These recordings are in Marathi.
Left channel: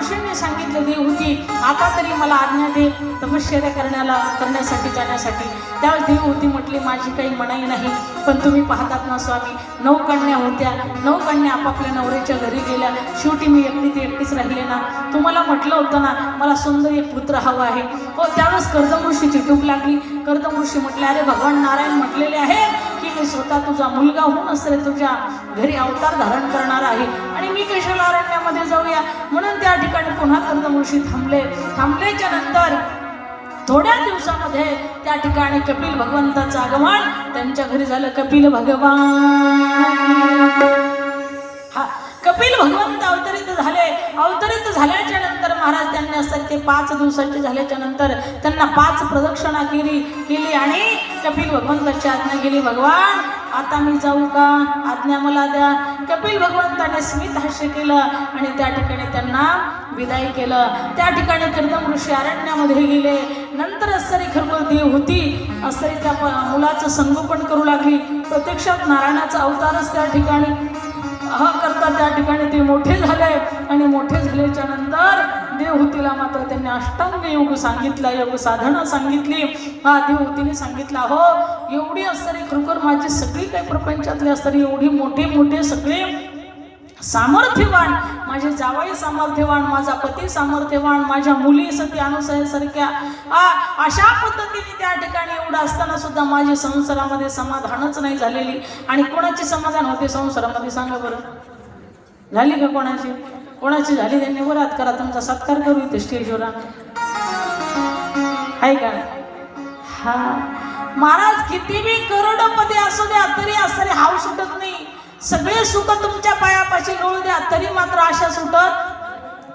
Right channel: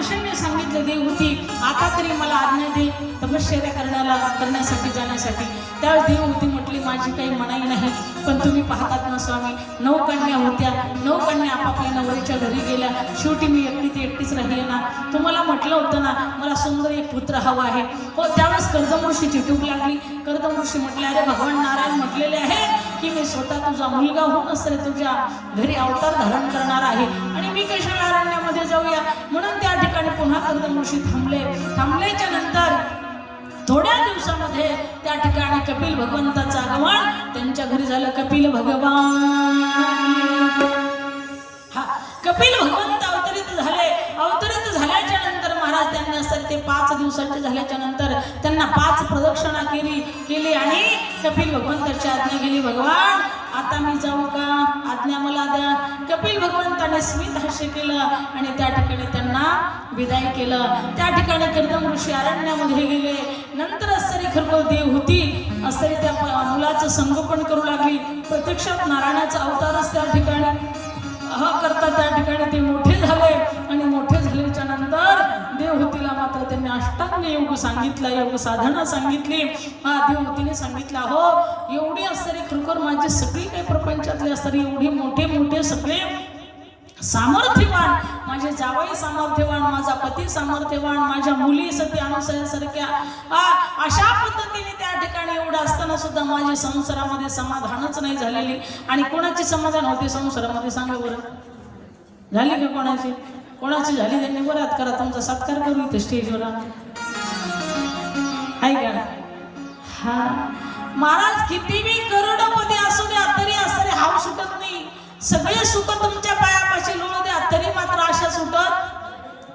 ऋषींनी सांगितले होती आता तरी मला आज्ञा दे. तपश्चर्या करण्याला करण्यासाठी जाण्यासाठी त्यावेळेस देवहूती म्हटली माझी काही मनाई नाही. पण तुम्ही पाहतात ना स्वामी नऊ कन्या होत्या. नऊ कन्या आपापल्या नवऱ्याच्या घरी गेल्या. शेवटी मी एकटी ती एकटीच राहिले ना. तुम्हाला म्हटलं होतं ना मला सुंदर एक पुत्र हवा आहे. हो त्यावेळेस कर्दमृषीची टूक लागली. कर्दमृषी म्हटले अरे भगवान नारायण म्हटलेले आहे की मी स्वतः तुझा मुलगा होऊन असले तुझ्या घरी अवतार धारण करणार आहे. आणि मी कशाला अरण्यामध्ये जाऊया. म्हणून त्या ठिकाणी पुन्हा कर्दमृषी थांबले. थांबल्याच्या नंतर थोड्या दिवसामध्ये त्या ठिकाणी कपिल भगवंताचं आगमन. त्यांच्या घरी झालं कपिल भगवान. हा कपिल भगवंत अवतरित झाले. अवतरित झाल्याच्यानंतर महाराज त्यांनी असं ते पाच दिवसाचे झाल्याच्यानंतर त्यांना पाच प्रदक्षिणा केली केली आणि कपिल भगवंताची आज्ञा केली भगवान आता मी जाऊ का? आज्ञा मला द्या. कपिल भगवंताने स्मित हास्य केलं आणि त्या ठिकाणी त्यांना विदाई केलं. त्या ठिकाणी कर्दम ऋषी अरण्यामध्ये गेले. नंतर असरी खरबल देव होती. असरी त्या प- मुलाचं संगोपन करू लागली. प्रत्यक्षात नारायणाचा अवतारच त्या ठिकाणी हा करता त्या ठिकाणी ते मोठे झाले. आणि मोठे झाल्याच्यानंतर देवहूतीला मात्र त्यांनी अष्टांग योग सांगितला योग साधना सांगितली. हा देवहूतीने सांगितलं हो एवढी असणारी खरोखर माझी सगळी काही प्रपंचातली असणारी एवढी मोठे मोठे सगळे सामर्थ्यवान माझे जावाई सामर्थ्यवान माझा पती सामर्थ्यवान माझ्या मुली सत्य अनुसयासारख्या आ, अशा पद्धतीने त्या ठिकाणी एवढं असताना सुद्धा माझ्या संसारामध्ये समाधानच नाही झालेली. आणि कोणाची समाधान होते संसारामध्ये सांगा बरं? झाली का कोणाची? कोणाची झाली? त्यांनी वरात करा. तुमचा सत्कार करू इथे स्टेजवर. आहे का? हा. महाराज किती बी करोडपती असू द्या तरी असं हाव सुटत नाही. सगळे सुख तुमच्या पायापाशी लोळू द्या तरी मात्र आशा सुटत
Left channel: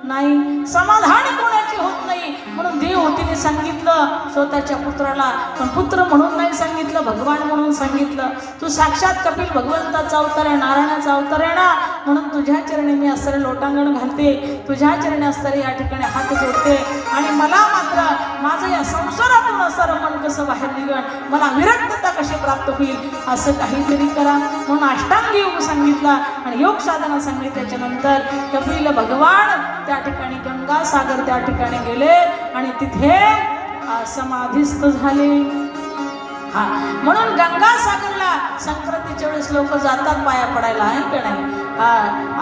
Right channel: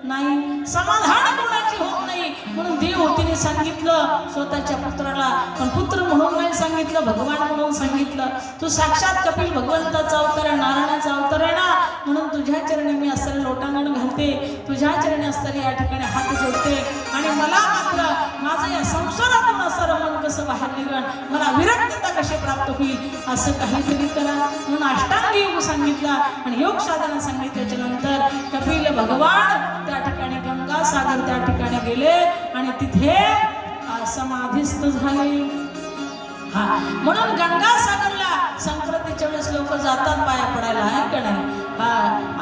नाही. समाधान कोणाची होत नाही. म्हणून देवहूतीने सांगितलं स्वतःच्या पुत्राला. पण पुत्र म्हणून नाही सांगितलं भगवान म्हणून सांगितलं. तू साक्षात कपिल भगवंताचा अवतार आहे नारायणाचा अवतार आहे ना? म्हणून तुझ्या चरणी मी असणारे लोटांगण घालते. तुझ्या चरणी असणारे या ठिकाणी हात जोडते. आणि मला मात्र माझं या संसारातून असणारं मन कसं बाहेर निघण मला विरक्तता कशी प्राप्त होईल? असं काहीतरी करा. म्हणून अष्टांग योग सांगितला. आणि योग साधना सांगितल्याच्या नंतर कपिल भगवान त्या ठिकाणी गंगा सागर त्या ठिकाणी गेले आणि तिथे आ, समाधीस्थ झाले. हा म्हणून गंगा सागरला संक्रांतीच्या वेळेस लोक जातात पाया पडायला आहे का नाही? हा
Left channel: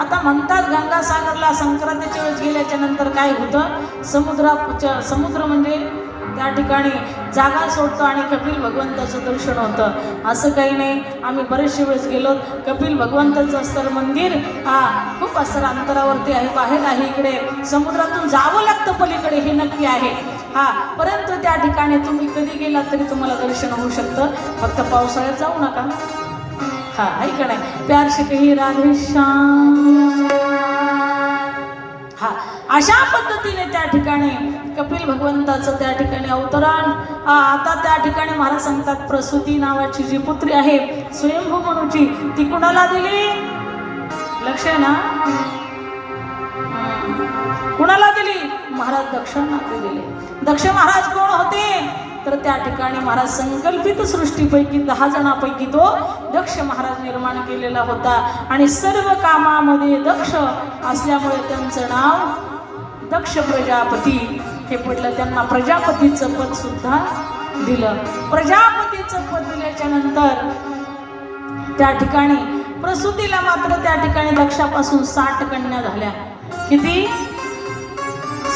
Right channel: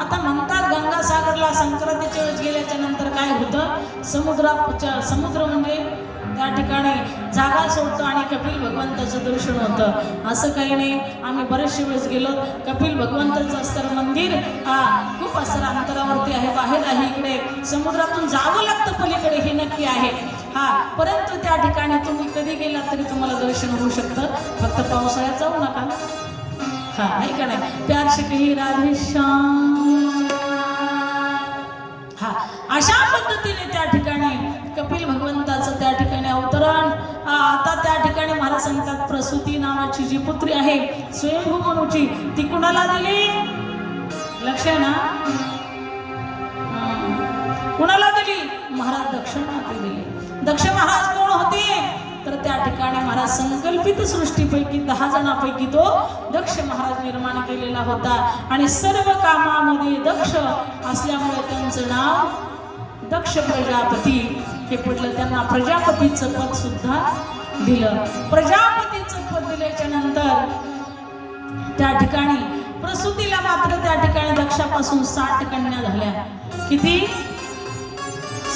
आता म्हणतात गंगा सागरला संक्रांतीच्या वेळेस गेल्याच्यानंतर काय होतं? समुद्रा समुद्र म्हणजे त्या ठिकाणी जागा सोडतो आणि कपिल भगवंताचं दर्शन होतं. असं काही नाही आम्ही बरेचशे वेळेस गेलो. कपिल भगवंताचं असतं मंदिर हा खूप असं अंतरावरती आहे बाहेर आहे इकडे. समुद्रातून जावं लागतं पलीकडे हे नक्की आहे. हा परंतु त्या ठिकाणी तुम्ही कधी गेलात तरी तुम्हाला दर्शन होऊ शकतं. फक्त पावसाळ्यात जाऊ नका. हा ऐका नाही प्यार शिकही कही राधे श्याम. हा. अशा पद्धतीने त्या ठिकाणी कपिल भगवंताचं त्या ठिकाणी अवतरण. आता त्या ठिकाणी महाराज सांगतात प्रसूती नावाची जी पुत्री आहे स्वयंभू मनूची ती कुणाला दिली? लक्ष ना? कुणाला दिली? महाराज दक्षिणाला दिली. दक्ष महाराज कोण होते? तर त्या ठिकाणी महाराज संकल्पित सृष्टीपैकी दहा जणांपैकी तो दक्ष महाराज निर्माण केलेला होता. आणि सर्व कामामध्ये दक्ष असल्यामुळे त्यांचं नाव दक्ष प्रजापती हे पडलं त्यांना प्रजापतीचं पद सुद्धा दिलं. प्रजापतीचं पद दिल्याच्या नंतर त्या ठिकाणी प्रसूतीला मात्र त्या ठिकाणी दक्षापासून साठ कन्या झाल्या. किती?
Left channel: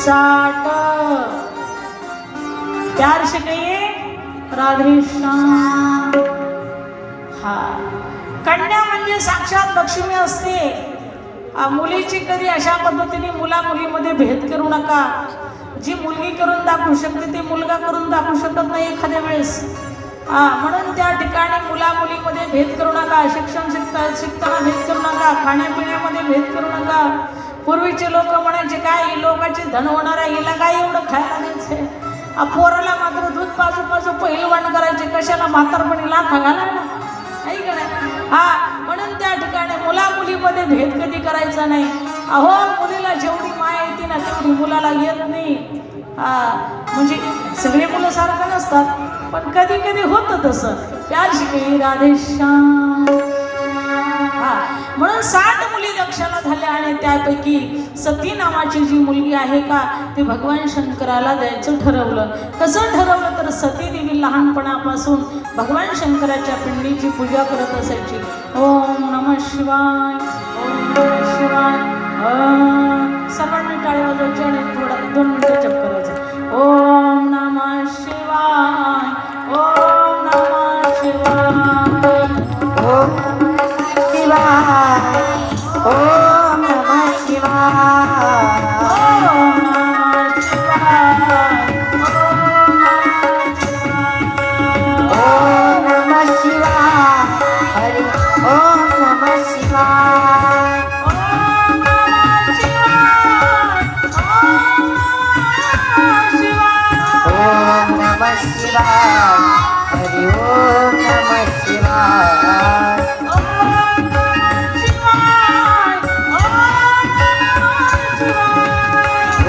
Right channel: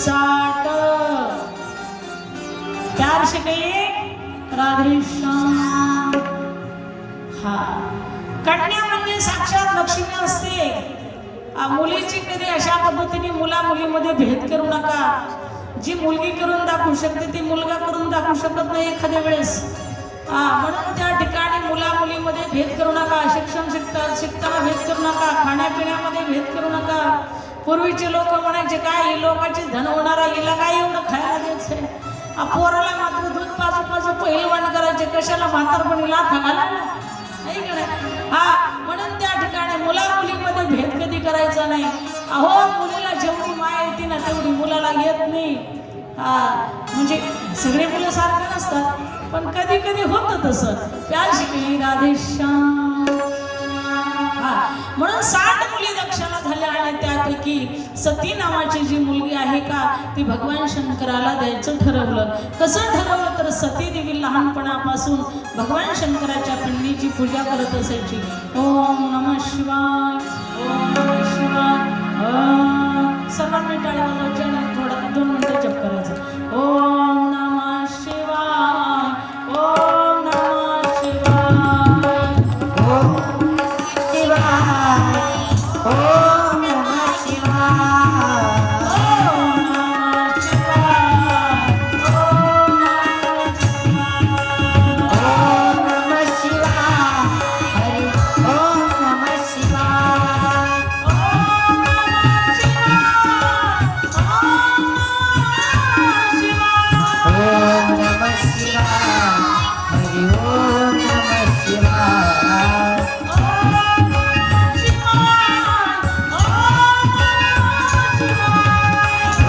साठ. प्यार से कहिए राधे श्याम। हा. कन्या म्हणजे साक्षात लक्ष्मी असते. मुलीची कधी अशा पद्धतीने मुला मुलीमध्ये भेद करू नका. जी मुलगी करून दाखवू शकते ती मुलगा करून दाखवू शकत नाही एखाद्या वेळेस. हा म्हणून त्या ठिकाणी मुला मुलीमध्ये भेद करू नका शिक्षण शिकता शिकताना भेद करू नका खाण्यापिण्यामध्ये भेद करू नका. पूर्वीचे लोक म्हणायचे काय ही धन होणारा हिला काय एवढं खायला द्यायचंय? पोराला मात्र दूध पाजू पाजू पहिलवान करायचे. कशाला म्हातारपणी लाथ घाला? नाही का? हा म्हणून त्या ठिकाणी मुला मुलीमध्ये भेद कधी करायचा नाही. अहो मुलीला जेवढी माया येते ना तेवढी मुलाला येत नाही. हा म्हणजे सगळे मुलं सारखं नसतात. पण कधी कधी होतं तसं. त्या शिकली राधेश्याम. म्हणून साठ मुली दक्षला झाल्या आणि त्यापैकी सती नावाची जी मुलगी आहे का ती भगवान शंकराला द्यायचं ठरवलं. कसं ठरवलं तर सती देवी लहानपणापासून भगवान शंकराच्या पिंडीची पूजा करत असायची. ओम नम शिवाय ओम शिवाय ओम. सर्वांनी टाळ्या वाजवायची आणि थोडा दोन मिनटं चक्कर ओम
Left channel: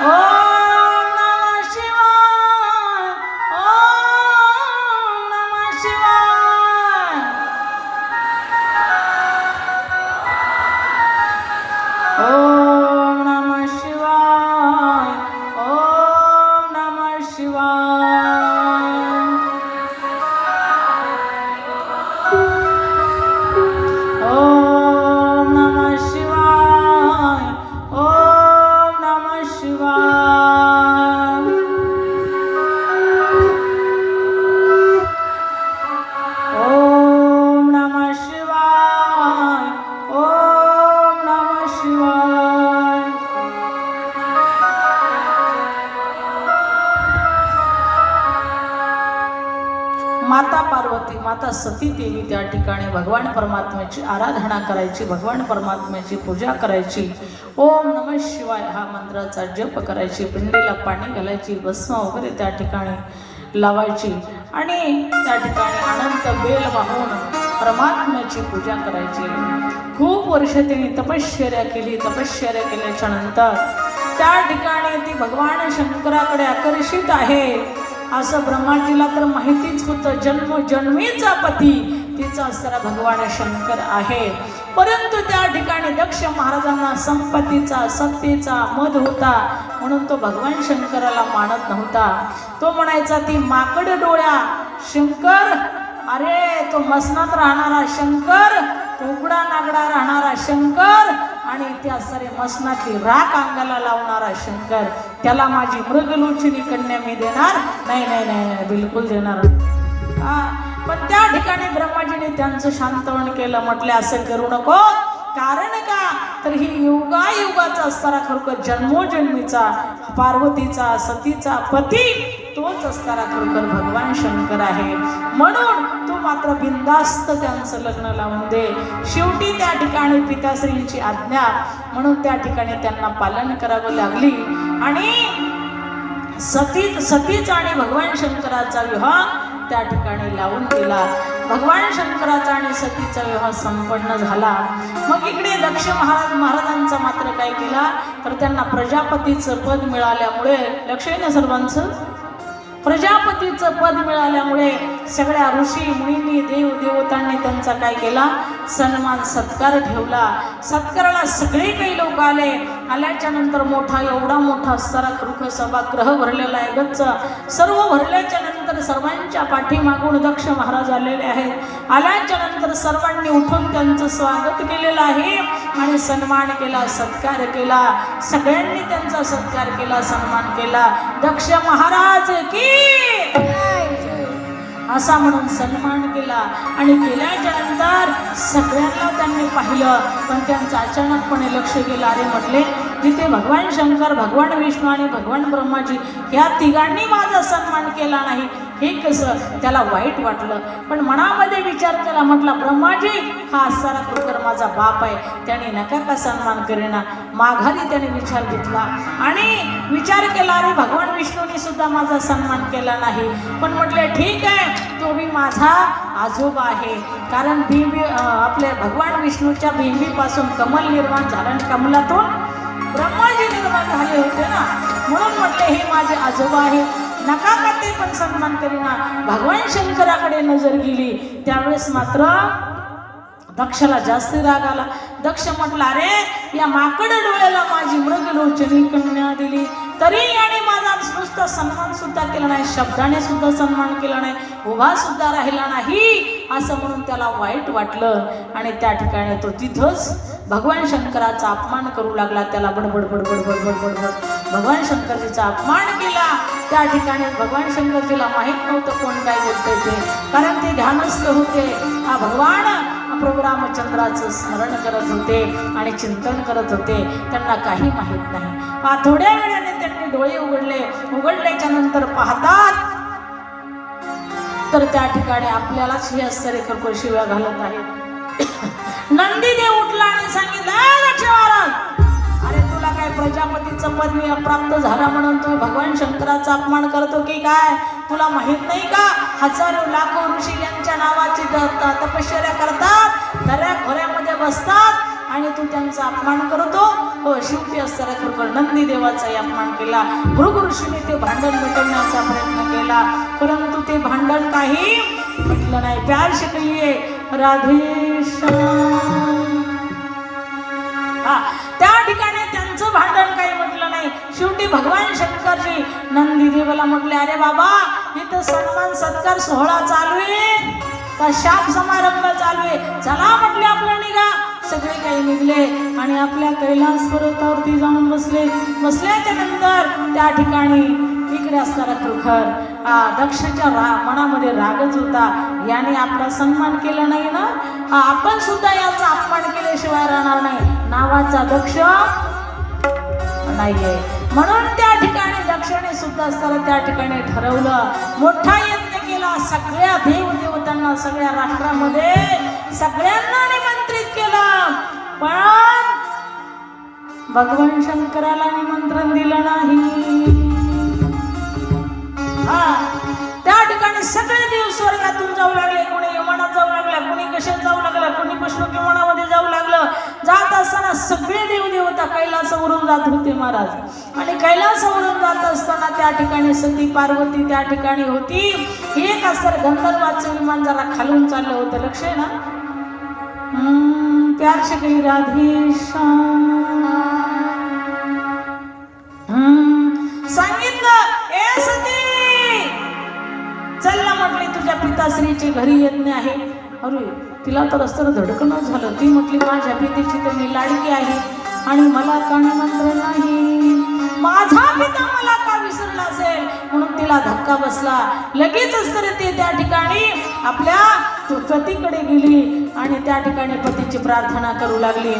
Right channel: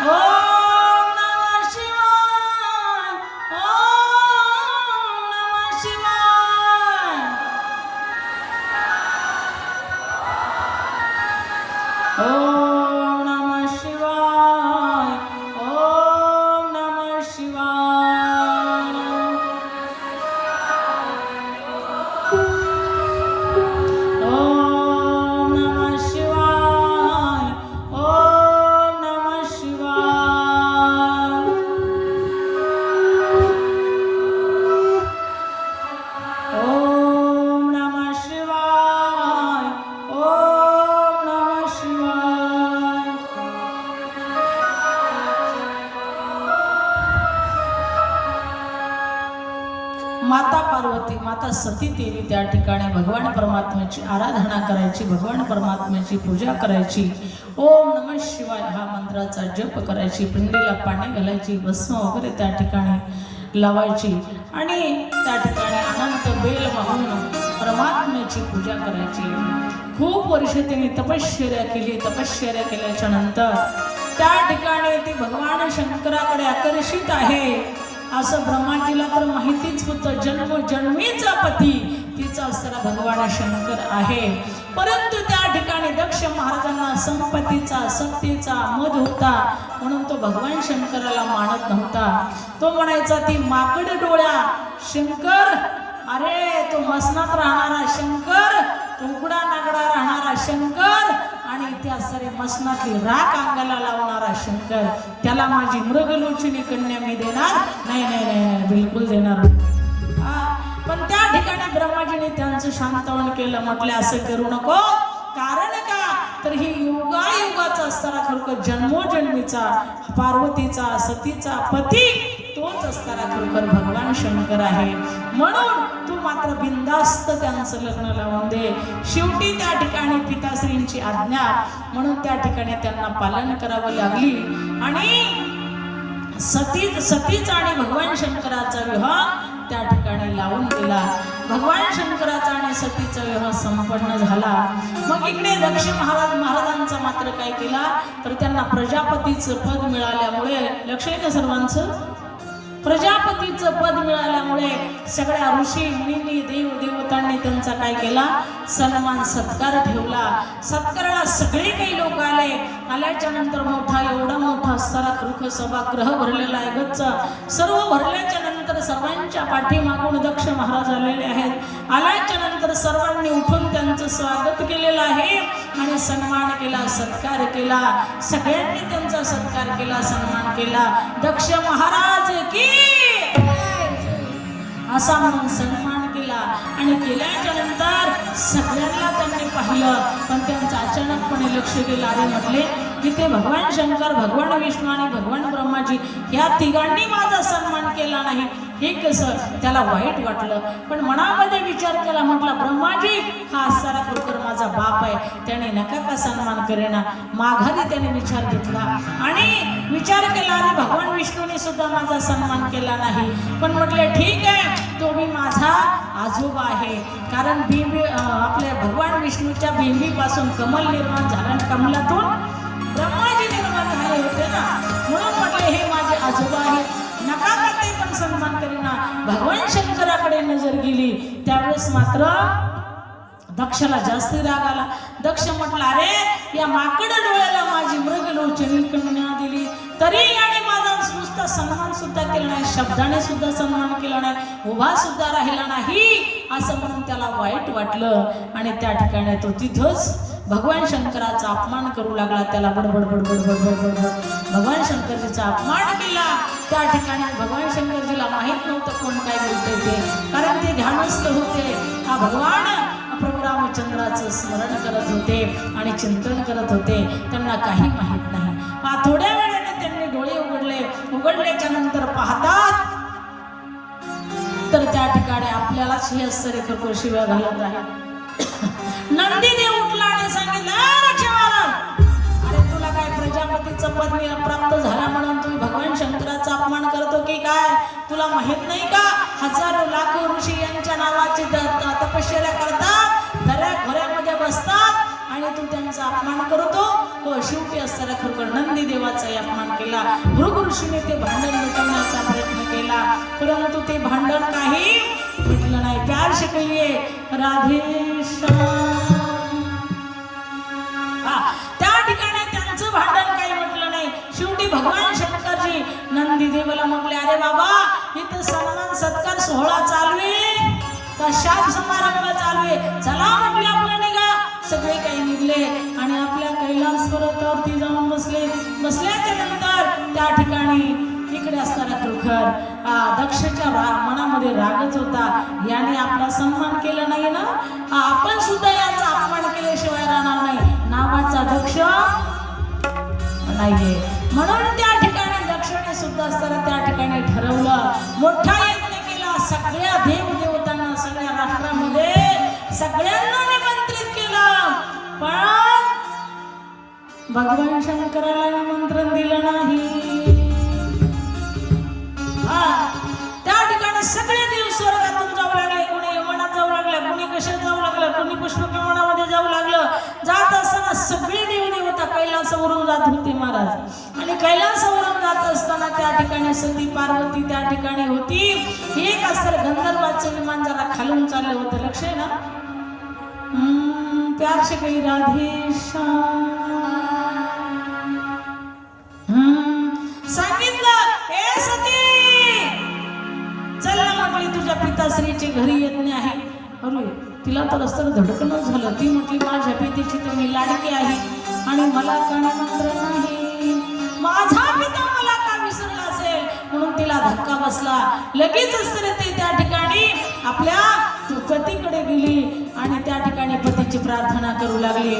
와! माता पार्वती माता सती देवी त्या ठिकाणी भगवान परमात्म्याची आराधना करायची भगवान परमात्म्याची पूजा करायची. ओम नम शिवाय हा मंत्राचा जप करायची पिंडीला पाणी घालायची भस्म वगैरे त्या ठिकाणी लावायची. आणि त्या ठिकाणी अनंत बेल वाहून परमात्म्याची पूजा करायची. खूप वर्ष तिने तपश्चर्या केली तपश्चर्या केल्याच्यानंतर त्या ठिकाणी ती भगवान शंकराकडे आकर्षित आहे. असं ब्रह्माजीला तर माहितीच होतं जन्म जन्मीचा पती तिचा असणारा भगवान शंकर आहे. परंतु त्या ठिकाणी दक्ष महाराजांना संपत्तीचा सत्तेचा मध होता. म्हणून तो भगवान शंकराला मानत नव्हता. तो म्हणायचा ती माकड डोळ्या शंकर अरे तो मसनात राहणारा शंकर तो उघडा नागडा राहणारा शंकर मसनाची राख अंगाला लावणारा शंकर त्याला माझी मृगलोचनी कन्या मी देणार? नाही नाही नाही नाही बिलकुल देणार हा, पण त्या ठिकाणी ब्रह्माजीने त्यांचं शांतवण केलं म्हटले असं करू नको. कारण का? तर ही युगायुगाचा असणारा खरोखर जन्मोजन्मीचा पार्वतीचा सतीचा पती तोच असणारा खरोखर भगवान शंकर आहे. म्हणून तो मात्र बिंदास्त त्यांचं लग्न लावून दे. शेवटी त्या ठिकाणी पिताश्रींची आज्ञा. म्हणून त्या ठिकाणी त्यांना पालन करावं लागली. आणि सतीच सतीचा आणि भगवान शंकराचा विवाह त्या ठिकाणी लावून दिला. भगवान शंकराचा आणि सतीचा विवाह संपन्न झाला. मग इकडे दक्ष महाराज महाराजांचा मात्र काय केला? तर त्यांना प्रजापतीचं पद मिळाल्यामुळे लक्ष आहे ना सर्वांचं? प्रजापतीचं पद मिळाल्यामुळे सगळ्या ऋषी मुनी देव देवतांनी त्यांचा काय केला? सन्मान सत्कार ठेवला. सत्काराला सगळे काही लोक आले. आल्याच्यानंतर मोठा एवढा मोठा सरात कृख सभागृह भरलेला आहे गच्च. सर्व भरल्याच्या नंतर सर्वांच्या पाठीमागून दक्ष महाराज आलेले आहेत. आल्याच्यानंतर सर्वांनी उठून त्यांचं स्वागत केलेलं आहे. आणि सन्मान केला सत्कार केला. सगळ्यांनी त्यांचा सत्कार केला सन्मान केला. दक्ष महाराज की असा म्हणून सन्मान केला. आणि केल्याच्यानंतर सगळ्यांना त्यांनी पाहिलं पण त्यांचं अचानकपणे लक्ष गेलं आणि म्हटले तिथे भगवान शंकर भगवान विष्णू आणि भगवान ब्रह्माजी या तिघांनी माझा सन्मान केला नाही. हे कसं? त्याला वाईट वाटलं. पण मनामध्ये विचार केला म्हटला ब्रह्माजी हा असणारा माझा बाप आहे त्याने नका का सन्मान करेना? माघारी त्याने विचार घेतला. आणि विचार केला आणि भगवान विष्णूने सुद्धा माझा सन्मान केला नाही. पण म्हटले ठीक आहे तो मी माझा आजोबा आहे. कारण भीमी आपल्या भगवान विष्णूच्या भीमीपासून कमल निर्माण झालं आणि कमलातून ब्रह्माजी निर्माण झाले होते ना. म्हणून म्हटले हे माझे आजोबा आहे नका का ते पण सन्मान करीना? भगवान शंकराकडे नजर गेली. त्यावेळेस मात्र दक्षला जास्त राग आला. दक्ष म्हटला अरे या माकड डोळ्याला माझी मृग लोचनी कन्या दिली. तरी याने माझा नुसता सन्मान सुद्धा केला नाही शब्दाने सुद्धा सन्मान केला नाही उभा सुद्धा राहिला नाही. असं म्हणून त्याला वाईट वाटलं. आणि त्या ठिकाणी तो तिथंच भगवान शंकराचा अपमान करू लागला. त्याला बडबड बडबड बडबड बडबड. भगवान शंकरजीचा अपमान केला. त्या ठिकाणी भगवान शंकरजीला माहीत नव्हतं कोण काय बोलते ते कारण ते ध्यानस्थ होते. हा भगवान प्रभू रामचंद्राचं स्मरण करत होते आणि चिंतन करत होते. त्यांना काही माहीत नाही. थोड्या वेळाने त्यांनी डोळे उघडले. उघडल्याच्या नंतर पाहतात तर त्या ठिकाणी आपल्यालाच ही आश्चर्य करून शिव्या घालत आहे नंदीने उठला आणि सांगितलं प्रजापतीचं पद मी अप्राप्त झाला म्हणून तुम्ही भगवान शंकराचा अपमान करतो की काय? तुला माहीत नाही का? हजारो लाखो ऋषी यांच्या नावाची तपश्चर्या करतात दऱ्या खोऱ्यामध्ये बसतात आणि तू त्यांचा अपमान करतो. हो शेवटी असताना खरोखर नंदी देवाचाही अपमान केला. भृग ऋषीने ते भांडण मिटवण्याचा प्रयत्न केला. परंतु ते भांडण काही म्हटलं नाही. प्यार शिकलीये. राधे भगवान शंकरजी नंदी म्हटले अरे बाबा इथं सन्मान सत्कार सोहळा चालू आहे. का शाप समारंभ चालू आहे? चला म्हटले आपले निघा. सगळे काही निघले आणि आपल्या कैलास पर्वतावरती जाऊन बसले. बसल्याच्या नंतर त्या ठिकाणी इकडे असणारा खरोखर दक्षच्या रा मनामध्ये रागच होता. याने आपला सन्मान केला नाही ना? आपण सुद्धा याचा अपमान केल्याशिवाय राहणार नाही. नावाचा दक्ष नाहीये म्हणून त्या ठिकाणी दक्षिणे सुद्धा असताना त्या ठिकाणी ठरवलं. मोठा यत्न केला. सगळ्या देव देवतांना सगळ्या राष्ट्रामध्ये सगळ्यांना निमंत्रित केलं. पण भगवान शंकराला निमंत्रण दिलं नाही. हा. त्या ठिकाणी सगळे देव स्वर्गातून जाऊ लागले. कोणी विमानात जाऊ लागले कोणी कशात जाऊ लागलं कोणी पुष्प विमानामध्ये जाऊ लागलं. असताना सगळे देवदेवता कैलासावरून जात होते महाराज. आणि कैलासावरून जात असताना त्या ठिकाणी सती पार्वती त्या ठिकाणी होती. एक असं गंधर्वाचं विमान जरा खालून चाललं होतं. लक्ष आहे ना? हम्म, काही राधेश सांगितलं ए सती चल ना तुझ्या पिताश्रीचे घरी येत नाही. आहे अरे तिला तर असताना धडकणच झालं. ती म्हटली माझ्या पितेची तर मी लाडकी आहे आणि मला कानामंत्र नाही. माझा पिता मला का विसरला असेल? म्हणून तिला धक्का बसला. लगेचच असताना ते त्या ठिकाणी. आपल्या पतीकडे गेली आणि त्या ठिकाणी पतीची प्रार्थना करू लागली.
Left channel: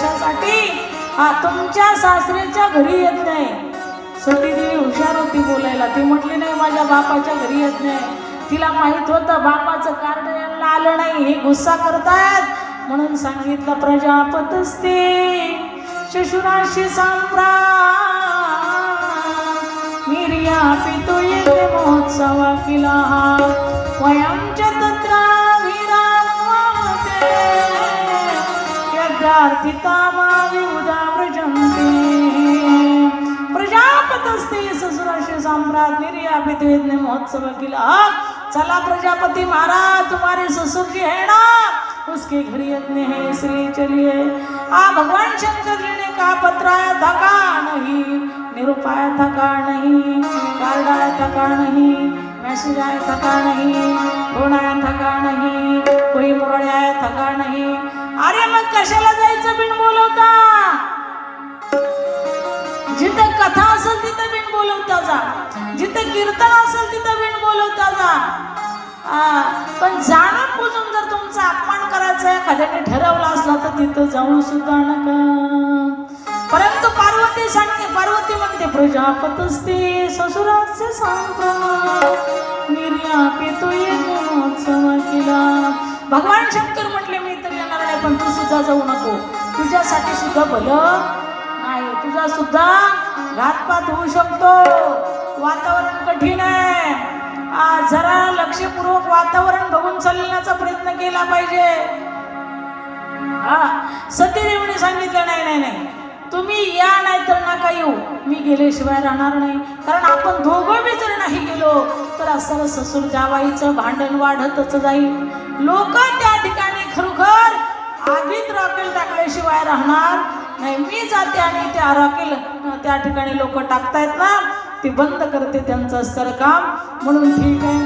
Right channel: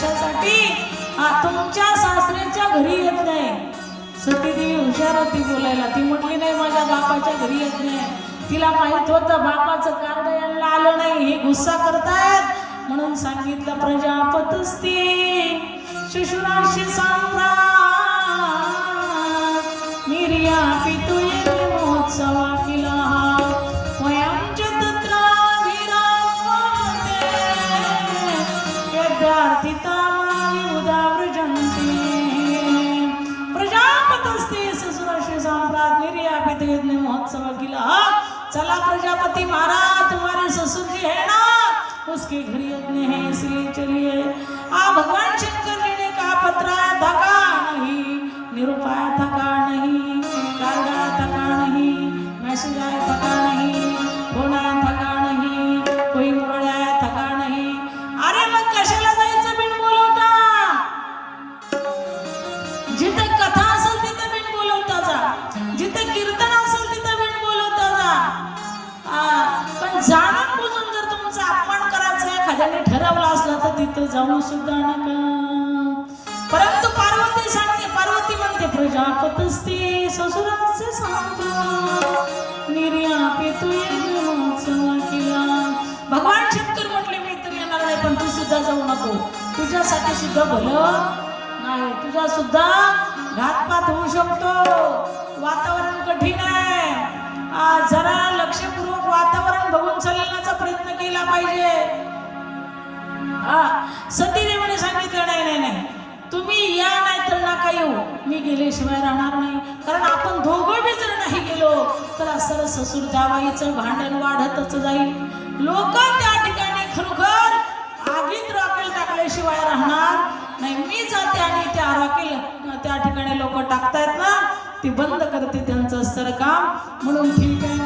कशासाठी हा तुमच्या सासऱ्यांच्या घरी येत नाही. सतीदेवी हुशार होती बोलायला ती म्हटली नाही माझ्या बापाच्या घरी येत नाही. तिला माहीत होतं बापाचं कार्ड यांना आलं नाही हे गुस्सा करतात. म्हणून सांगितलं प्रजापतस्ते शशुराशी सम्राट निर्या पितो येते महोत्सवा किला. वया सम्राट ने महोत्सव किया चला प्रजापति महाराज तुम्हारे ससुर जी है ना? उसके घर यज्ञ है इसलिए चलिए. आ भगवान शंकर ने कहा पत्राया था का नहीं. निरुपाया थका नहीं. कार्ड आया थका नहीं. मैसेज आया थका नहीं. फोन आया थका नहीं. कोई मोड़ आया थका नहीं नाही. अरे मग कशाला जिथं कीर्तन असेल तिथं भेट बोलवता जा. पण जाणून बुजून जर तुमचा अपमान करायचा एखाद्याने ठरवला असला तर तिथं जाऊ सुद्धा नका. परंतु पार्वती सांगते पार्वती म्हणते प्रजापतस्ते ससुराचे सांगतो निर्यापितो महोत्सव केला. भगवान शंकर म्हटले मी तर येणार नाही पण तू सुद्धा जाऊ नको. तुझ्यासाठी सुद्धा भलं नाही. तुझा सुद्धा घातपात होऊ शकतो. वातावरण कठीण आहे. जरा लक्षपूर्वक वातावरण बघून चालण्याचा प्रयत्न केला पाहिजे. हा सतीदेवीने सांगितलं नाही नाही नाही. तुम्ही या नाही तर नका येऊ. मी गेल्याशिवाय राहणार नाही. कारण आपण दोघं बी जर नाही गेलो तर असं ससूर जावाईचं भांडण वाढतच जाईल. लोक त्या ठिकाणी खरोखर आगीत रॉकेल टाकल्याशिवाय राहणार नाही. मी जाते आणि त्या रॉकेल त्या ठिकाणी लोक टाकतायत ना ती बंद करते त्यांचं असतं काम म्हणून ठीक आहे.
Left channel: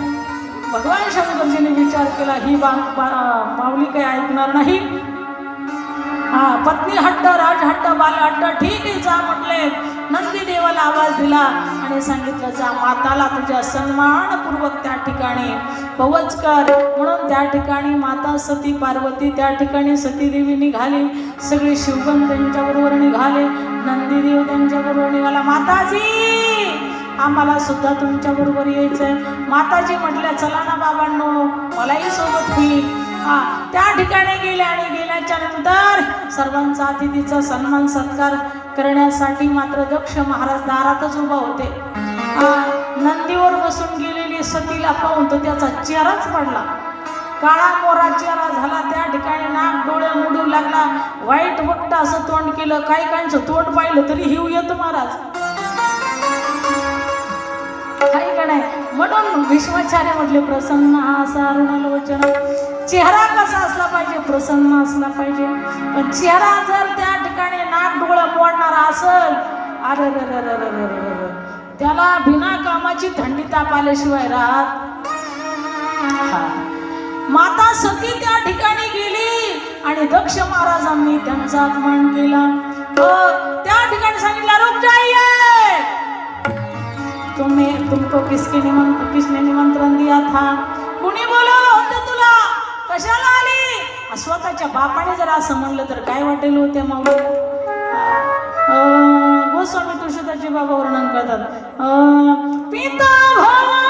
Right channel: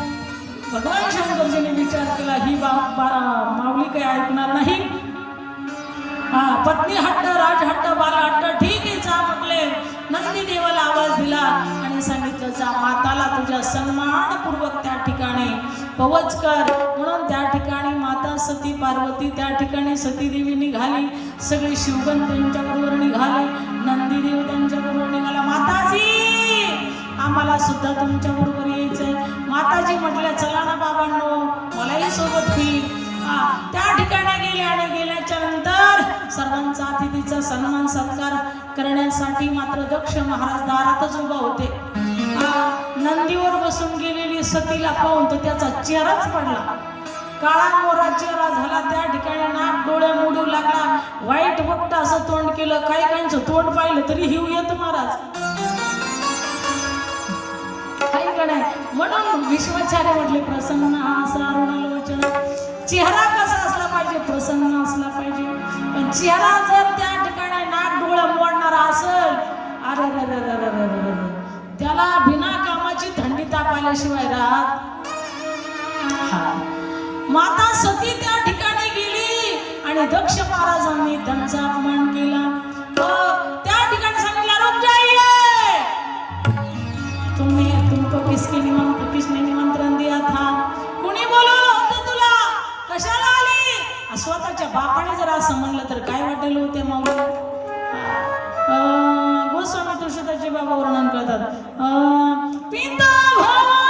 भगवान शंकरजीने विचार केला ही बा माऊली काही ऐकणार नाही. हा पत्नी हट्ट राज हट्ट बाल हट्ट ठीक आहे जा म्हटले. नंदी देवाला आवाज दिला आणि सांगितलं जा माताला तुझ्या सन्मानपूर्वक त्या ठिकाणी पवच कर. त्या ठिकाणी माता सती पार्वती त्या ठिकाणी सतीदेवी निघाली सगळे शिवगण त्यांच्याबरोबर निघाले नंदीदेव त्यांच्याबरोबर निघाला माताजी आम्हाला सुद्धा तुमच्या बरोबर यायचंय. माताजी म्हटल्या चला ना बाबांनो मलाही सोबत होईल हा त्या ठिकाणी गेल्या आणि गेल्याच्यानंतर सर्वांचा अतिथीचा सन्मान सत्कार करण्यासाठी मात्र दक्ष महाराज दारातच उभा होते. नंदीवर बसून गेलेली सतीला पाहून तो त्याचा चेहराच पडला. काळा मोरा चेहरा झाला त्या ठिकाणी नाक डोळे मुडू लागला. वाईट वट्ट असं तोंड केलं काही काहींचं तोंड पाहिलं तरी हिव येत महाराज. काही म्हणून विश्वाचार्य म्हटले प्रसन्न असा अरुणाल वचन. चेहरा कसा असला पाहिजे? प्रसन्न असला पाहिजे. पण चेहरा जर त्या ठिकाणी नाक डोळे मोडणारा असल अरे त्याला बिना कामाची थंडी ताप आल्याशिवाय राहत हा माता सती त्या ठिकाणी गेली आणि दक्ष महाराजांनी त्यांचा अपमान केला. त्या ठिकाणी सांगितलं रुक तुम्ही तुमको किसके निमंत्र किसने निमंत्रण दिया था. कुणी बोलवलं होतं तुला? कशाला आली? स्वतःच्या बापाने जर असं म्हणलं तर काय वाटेल होते मग? गोस्वामी तुळशीदासजी बाबा वर्णन करतात. पिता भावा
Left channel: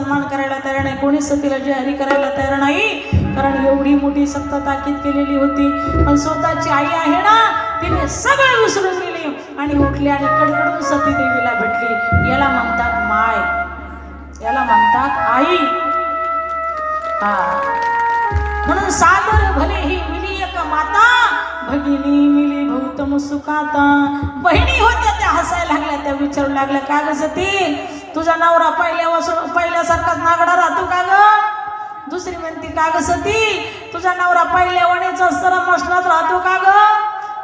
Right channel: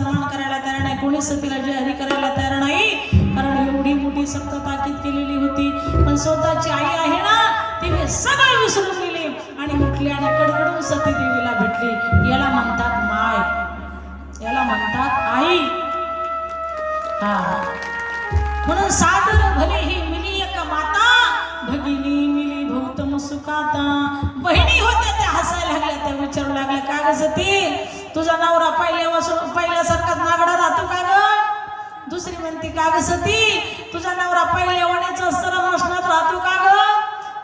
सन्मान करायला तयार नाही. कोणी सतीला हरी करायला तयार नाही. कारण एवढी मोठी सक्त ताकीद केलेली होती. पण स्वतःची आई आहे ना तिने सगळं विसरून गेली. आणि उठली आणि कडकडून सती देवीला भेटली. याला म्हणतात माय. याला म्हणतात आई. हा. म्हणून सादर भले ही मिली एक माता भगिनी मिली भूतम सुखाता. बहिणी होत्या त्या हसायला लागल्या त्या विचारू लागल्या काय गजती तुझा नवरा पहिल्यापासून पहिल्यासारखाच नागडा राहतो का ग? दुसरी म्हणते का ग सती? तुझा नवरा पहिल्या वाणीचा सरम मशनात राहतो का ग?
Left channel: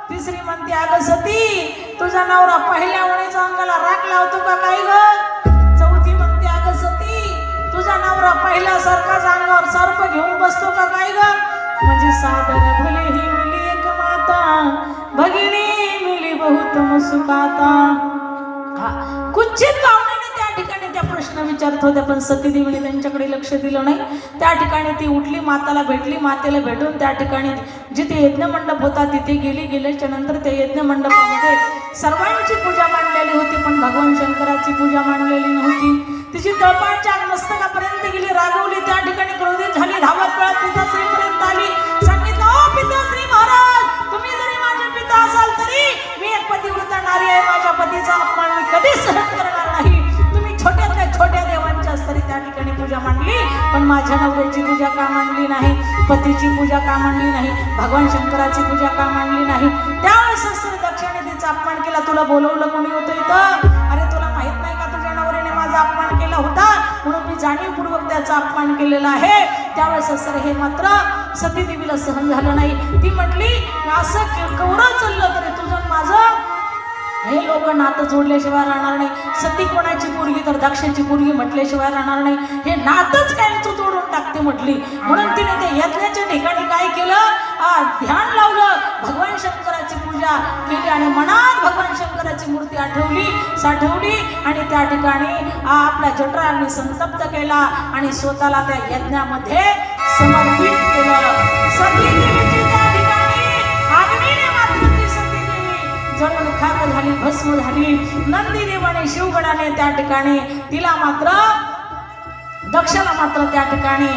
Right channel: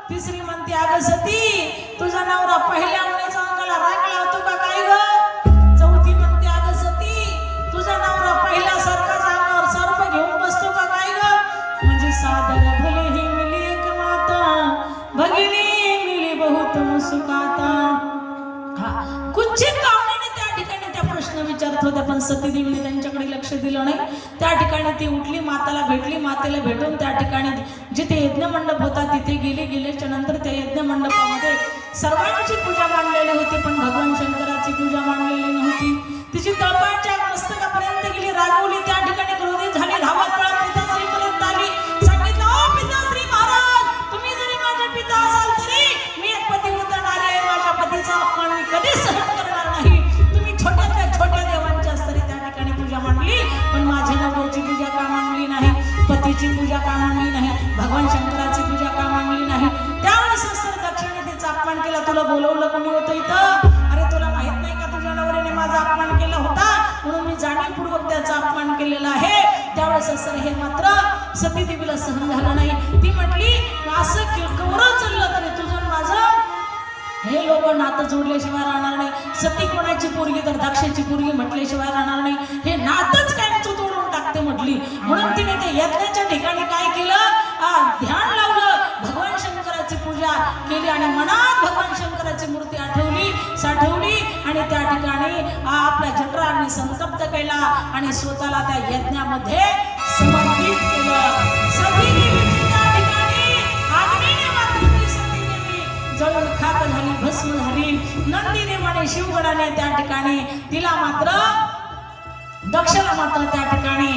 तिसरी म्हणते अग सती तुझा नवरा पहिल्या वाणीचा अंगाला राख लावतो का काय ग? चौथी म्हणते अग सती तुझा नवरा पहिल्यासारखाच अंगावर सर्प घेऊन बसतो का काय ग? म्हणजे साधन भले ही मिली एक माता भगिनी मिली बहुत सुखाता विचारत होत्या पण सतीदेवीने त्यांच्याकडे लक्ष दिलं नाही. त्या ठिकाणी ती उठली माताला भेटली मातेला भेटून त्या ठिकाणी जिथे यज्ञ मंडप होता तिथे गेली. गेल्याच्यानंतर त्या यज्ञ मंडपामध्ये सर्वांची पूजा मांडलेली होती पण भगवान शंकराची पूजा मांडलेली नव्हती. तिची तळपायच्या मस्तकापर्यंत गेली रागवली. त्या ठिकाणी क्रोधित झाली धावत पळत नवऱ्याची पूजा का मांडली नाही पतीची पूजा का मांडली नाही भगवान शंकराची पूजा का मांडली नाही. त्यावेळेस सस्त्र दक्षिणे तिचा अपमान केला तुला बोलवलं कोणी होतं इथं? अरे तुला माहीत नाही का तुझ्या नवऱ्याने माझा अपमान केला होता? म्हणून मी जाणीवपूर्वक त्याचा अपमान केलेला आहे. त्यावेळेस असं हे मात्र सती देवीला सहन झालं नाही. ती म्हटली असं कवरं चाललं तरी तुझं माझं? हे लोक नातं जोडल्याशिवाय राहणार नाही. सती कोणाची पोरगी तर दक्षाची पोरगी म्हटल्याशिवाय राहणार नाही. हे नातच कायमचं तोडून टाकते म्हटली. म्हणून तिने त्या यज्ञाच्या ठिकाणी काय केलं? ध्यान लावलं. भगवान शंकराची पूजा केली आणि मनात भगवान शंकराची मूर्ती आठवली साठवली आणि त्या ठिकाणी आपल्या आपला संतप्त केला आणि स्वतःला त्या यज्ञामध्ये समर्पित केलं. म्हणजे सती देवीची खाक झाली भस्म झाली. नंदी देवाने शिवगणाने त्या ठिकाणी तिला मात्र दक्षला मात्र त्या ठिकाणी